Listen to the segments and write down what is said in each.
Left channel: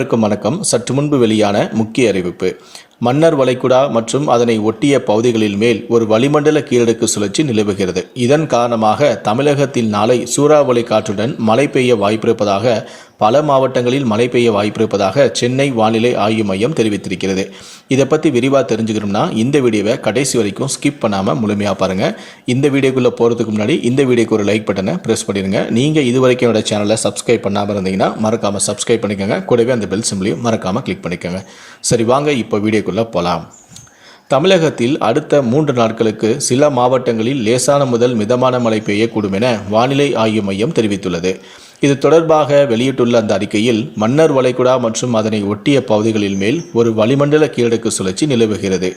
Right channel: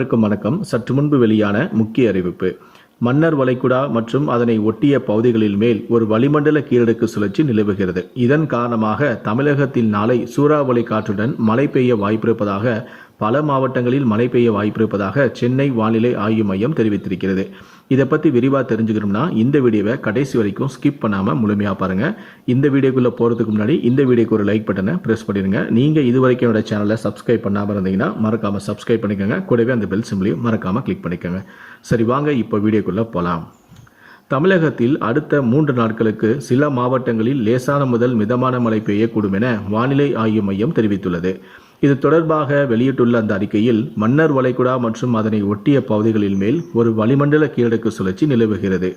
அனைவருக்கும் வணக்கம். சற்று முன்பு வெளியான முக்கிய அறிவிப்பு. மன்னர் வளைகுடா மற்றும் அதனை ஒட்டிய பகுதிகளில் மேல் ஒரு வளிமண்டல கீழடுக்கு சுழற்சி நிலவுகிறது. இதன் காரணமாக தமிழகத்தில் நாளை சூறாவளி காற்றுடன் மழை பெய்ய வாய்ப்பிருப்பதாக பல மாவட்டங்களில் மழை பெய்ய வாய்ப்பிருப்பதாக சென்னை வானிலை ஆய்வு மையம் தெரிவித்திருக்கிறது. இதை பற்றி விரிவாக தெரிஞ்சுக்கணும்னா இந்த வீடியோவை கடைசி வரைக்கும் ஸ்கிப் பண்ணாமல் முழுமையாக பாருங்கள் இந்த வீடியோக்குள்ளே போகிறதுக்கு முன்னாடி இந்த வீடியோக்கு ஒரு லைக் பட்டனை ப்ரெஸ் பண்ணிடுங்க. நீங்கள் இது வரைக்கும் என்னோட சேனலை சப்ஸ்கிரைப் பண்ணாமல் இருந்தீங்கன்னா மறக்காமல் சப்ஸ்கிரைப் பண்ணிக்கோங்க. கூடவே அந்த பெல் சிம்லையும் மறக்காமல் கிளிக் பண்ணிக்கோங்க. சரி வாங்க இப்போ வீடியோ வீடியோக்குள்ளே போகலாம் தமிழகத்தில் அடுத்த மூன்று நாட்களுக்கு சில மாவட்டங்களில் லேசான முதல் மிதமான மழை பெய்யக்கூடும் என வானிலை ஆய்வு மையம் தெரிவித்துள்ளது. இது தொடர்பாக வெளியிட்டுள்ள அந்த அறிக்கையில் மன்னர் வளைகுடா மற்றும் அதனை ஒட்டிய பகுதிகளில் மேல் ஒரு வளிமண்டல கீழடுக்கு சுழற்சி நிலவுகிறது.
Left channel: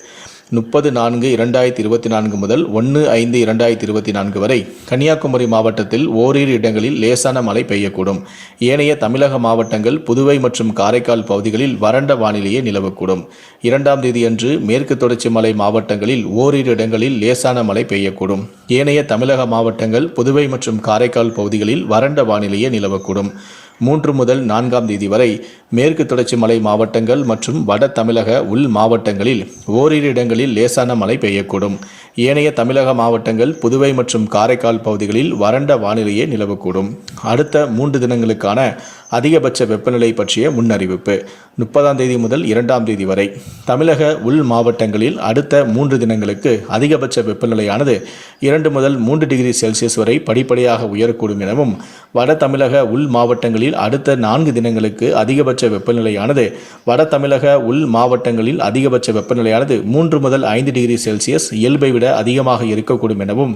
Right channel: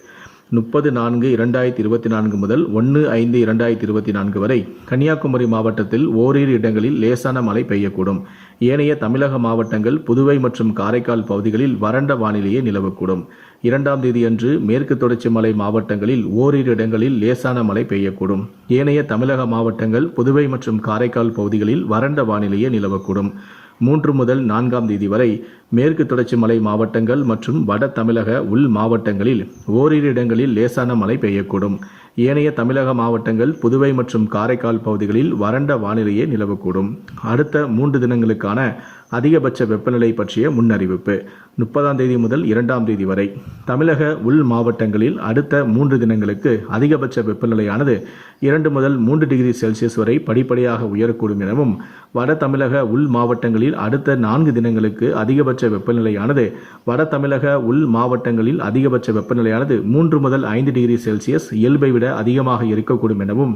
முப்பது நான்கு இரண்டாயிரத்தி இருபத்தி நான்கு முதல் ஒன்று ஐந்து இரண்டாயிரத்தி இருபத்தி நான்கு வரை கன்னியாகுமரி மாவட்டத்தில் ஓரிரு இடங்களில் லேசான மழை பெய்யக்கூடும். ஏனைய தமிழக மாவட்டங்கள் புதுவை மற்றும் காரைக்கால் பகுதிகளில் வறண்ட வானிலையே நிலவக்கூடும். இரண்டாம் தேதியன்று மேற்கு தொடர்ச்சி மலை மாவட்டங்களில் ஓரிரு இடங்களில் லேசான மழை பெய்யக்கூடும். ஏனைய தமிழக மாவட்டங்கள் புதுவை மற்றும் காரைக்கால் பகுதிகளில் வறண்ட வானிலையே நிலவக்கூடும். மூன்று முதல் நான்காம் தேதி வரை மேற்கு தொடர்ச்சி மலை மாவட்டங்கள் மற்றும் வட தமிழக உள் மாவட்டங்களில் ஓரிரு இடங்களில் லேசான மழை பெய்யக்கூடும். ஏனைய தமிழக மாவட்டங்கள் புதுவை மற்றும் காரைக்கால் பகுதிகளில் வறண்ட வானிலையே நிலவக்கூடும். அடுத்த மூன்று தினங்களுக்கான அதிகபட்ச வெப்பநிலை பற்றிய முன்னறிவிப்பு. முப்பதாம் தேதி முதல் இரண்டாம் தேதி வரை. தமிழக உள் மாவட்டங்களில் அடுத்த மூன்று தினங்களுக்கு அதிகபட்ச வெப்பநிலையானது இரண்டு முதல் மூன்று டிகிரி செல்சியஸ் வரை படிப்படியாக உயரக்கூடும் எனவும் வட தமிழக உள் மாவட்டங்களில் அடுத்த நான்கு தினங்களுக்கு அதிகபட்ச வெப்பநிலையானது வட தமிழக உள் மாவட்டங்களில் அதிகபட்ச வெப்பநிலையானது மூன்று முதல் ஐந்து டிகிரி செல்சியஸ் இயல்பை விட அதிகமாக இருக்கக்கூடும் எனவும்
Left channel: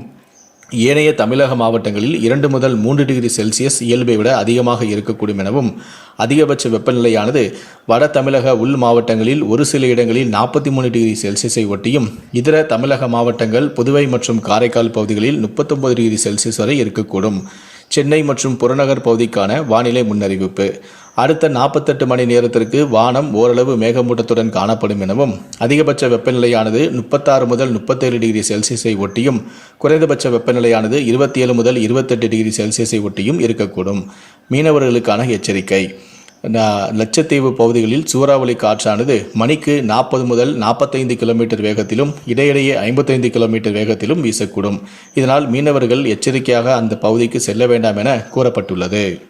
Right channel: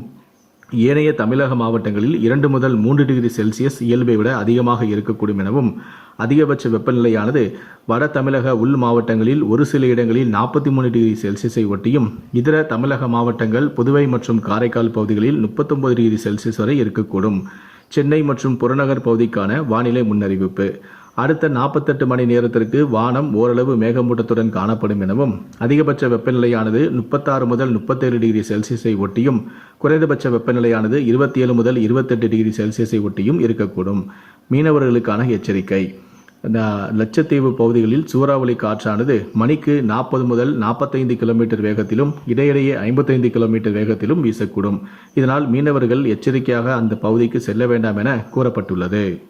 ஏனைய தமிழக மாவட்டங்களில் இரண்டு முதல் மூன்று டிகிரி செல்சியஸ் இயல்பை விட அதிகமாக இருக்கக்கூடும் எனவும் அதிகபட்ச வெப்பநிலையானது வட தமிழக உள் மாவட்டங்களில் ஒரு சில இடங்களில் நாற்பத்தி மூணு டிகிரி செல்சியஸை ஒட்டியும் இதர தமிழக மாவட்டங்கள் புதுவை மற்றும் காரைக்கால் பகுதிகளில் முப்பத்தொன்பது டிகிரி செல்சியஸ் வரை இருக்கக்கூடும். சென்னை மற்றும் புறநகர் பகுதிக்கான வானிலை முன்னறிவிப்பு. அடுத்த நாற்பத்தெட்டு மணி நேரத்திற்கு வானம் ஓரளவு மேகமூட்டத்துடன் காணப்படும் எனவும் அதிகபட்ச வெப்பநிலையானது முப்பத்தாறு முதல் முப்பத்தேழு டிகிரி செல்சியஸை ஒட்டியும் குறைந்தபட்ச வெப்பநிலையானது இருபத்தி ஏழு முதல் இருபத்தெட்டு டிகிரி செல்சியஸை ஒட்டியும் இருக்கக்கூடும். மீனவர்களுக்கான எச்சரிக்கை. லட்சத்தீவு பகுதிகளில் சூறாவளி காற்றானது மணிக்கு நாற்பது முதல் நாற்பத்தைந்து கிலோமீட்டர் வேகத்திலும் இடையிடையே ஐம்பத்தைந்து கிலோமீட்டர் வேகத்திலும் வீசக்கூடும். இதனால் மீனவர்கள் எச்சரிக்கையாக அந்த பகுதிக்கு செல்ல வேண்டாம் என கூறப்பட்டுள்ளது.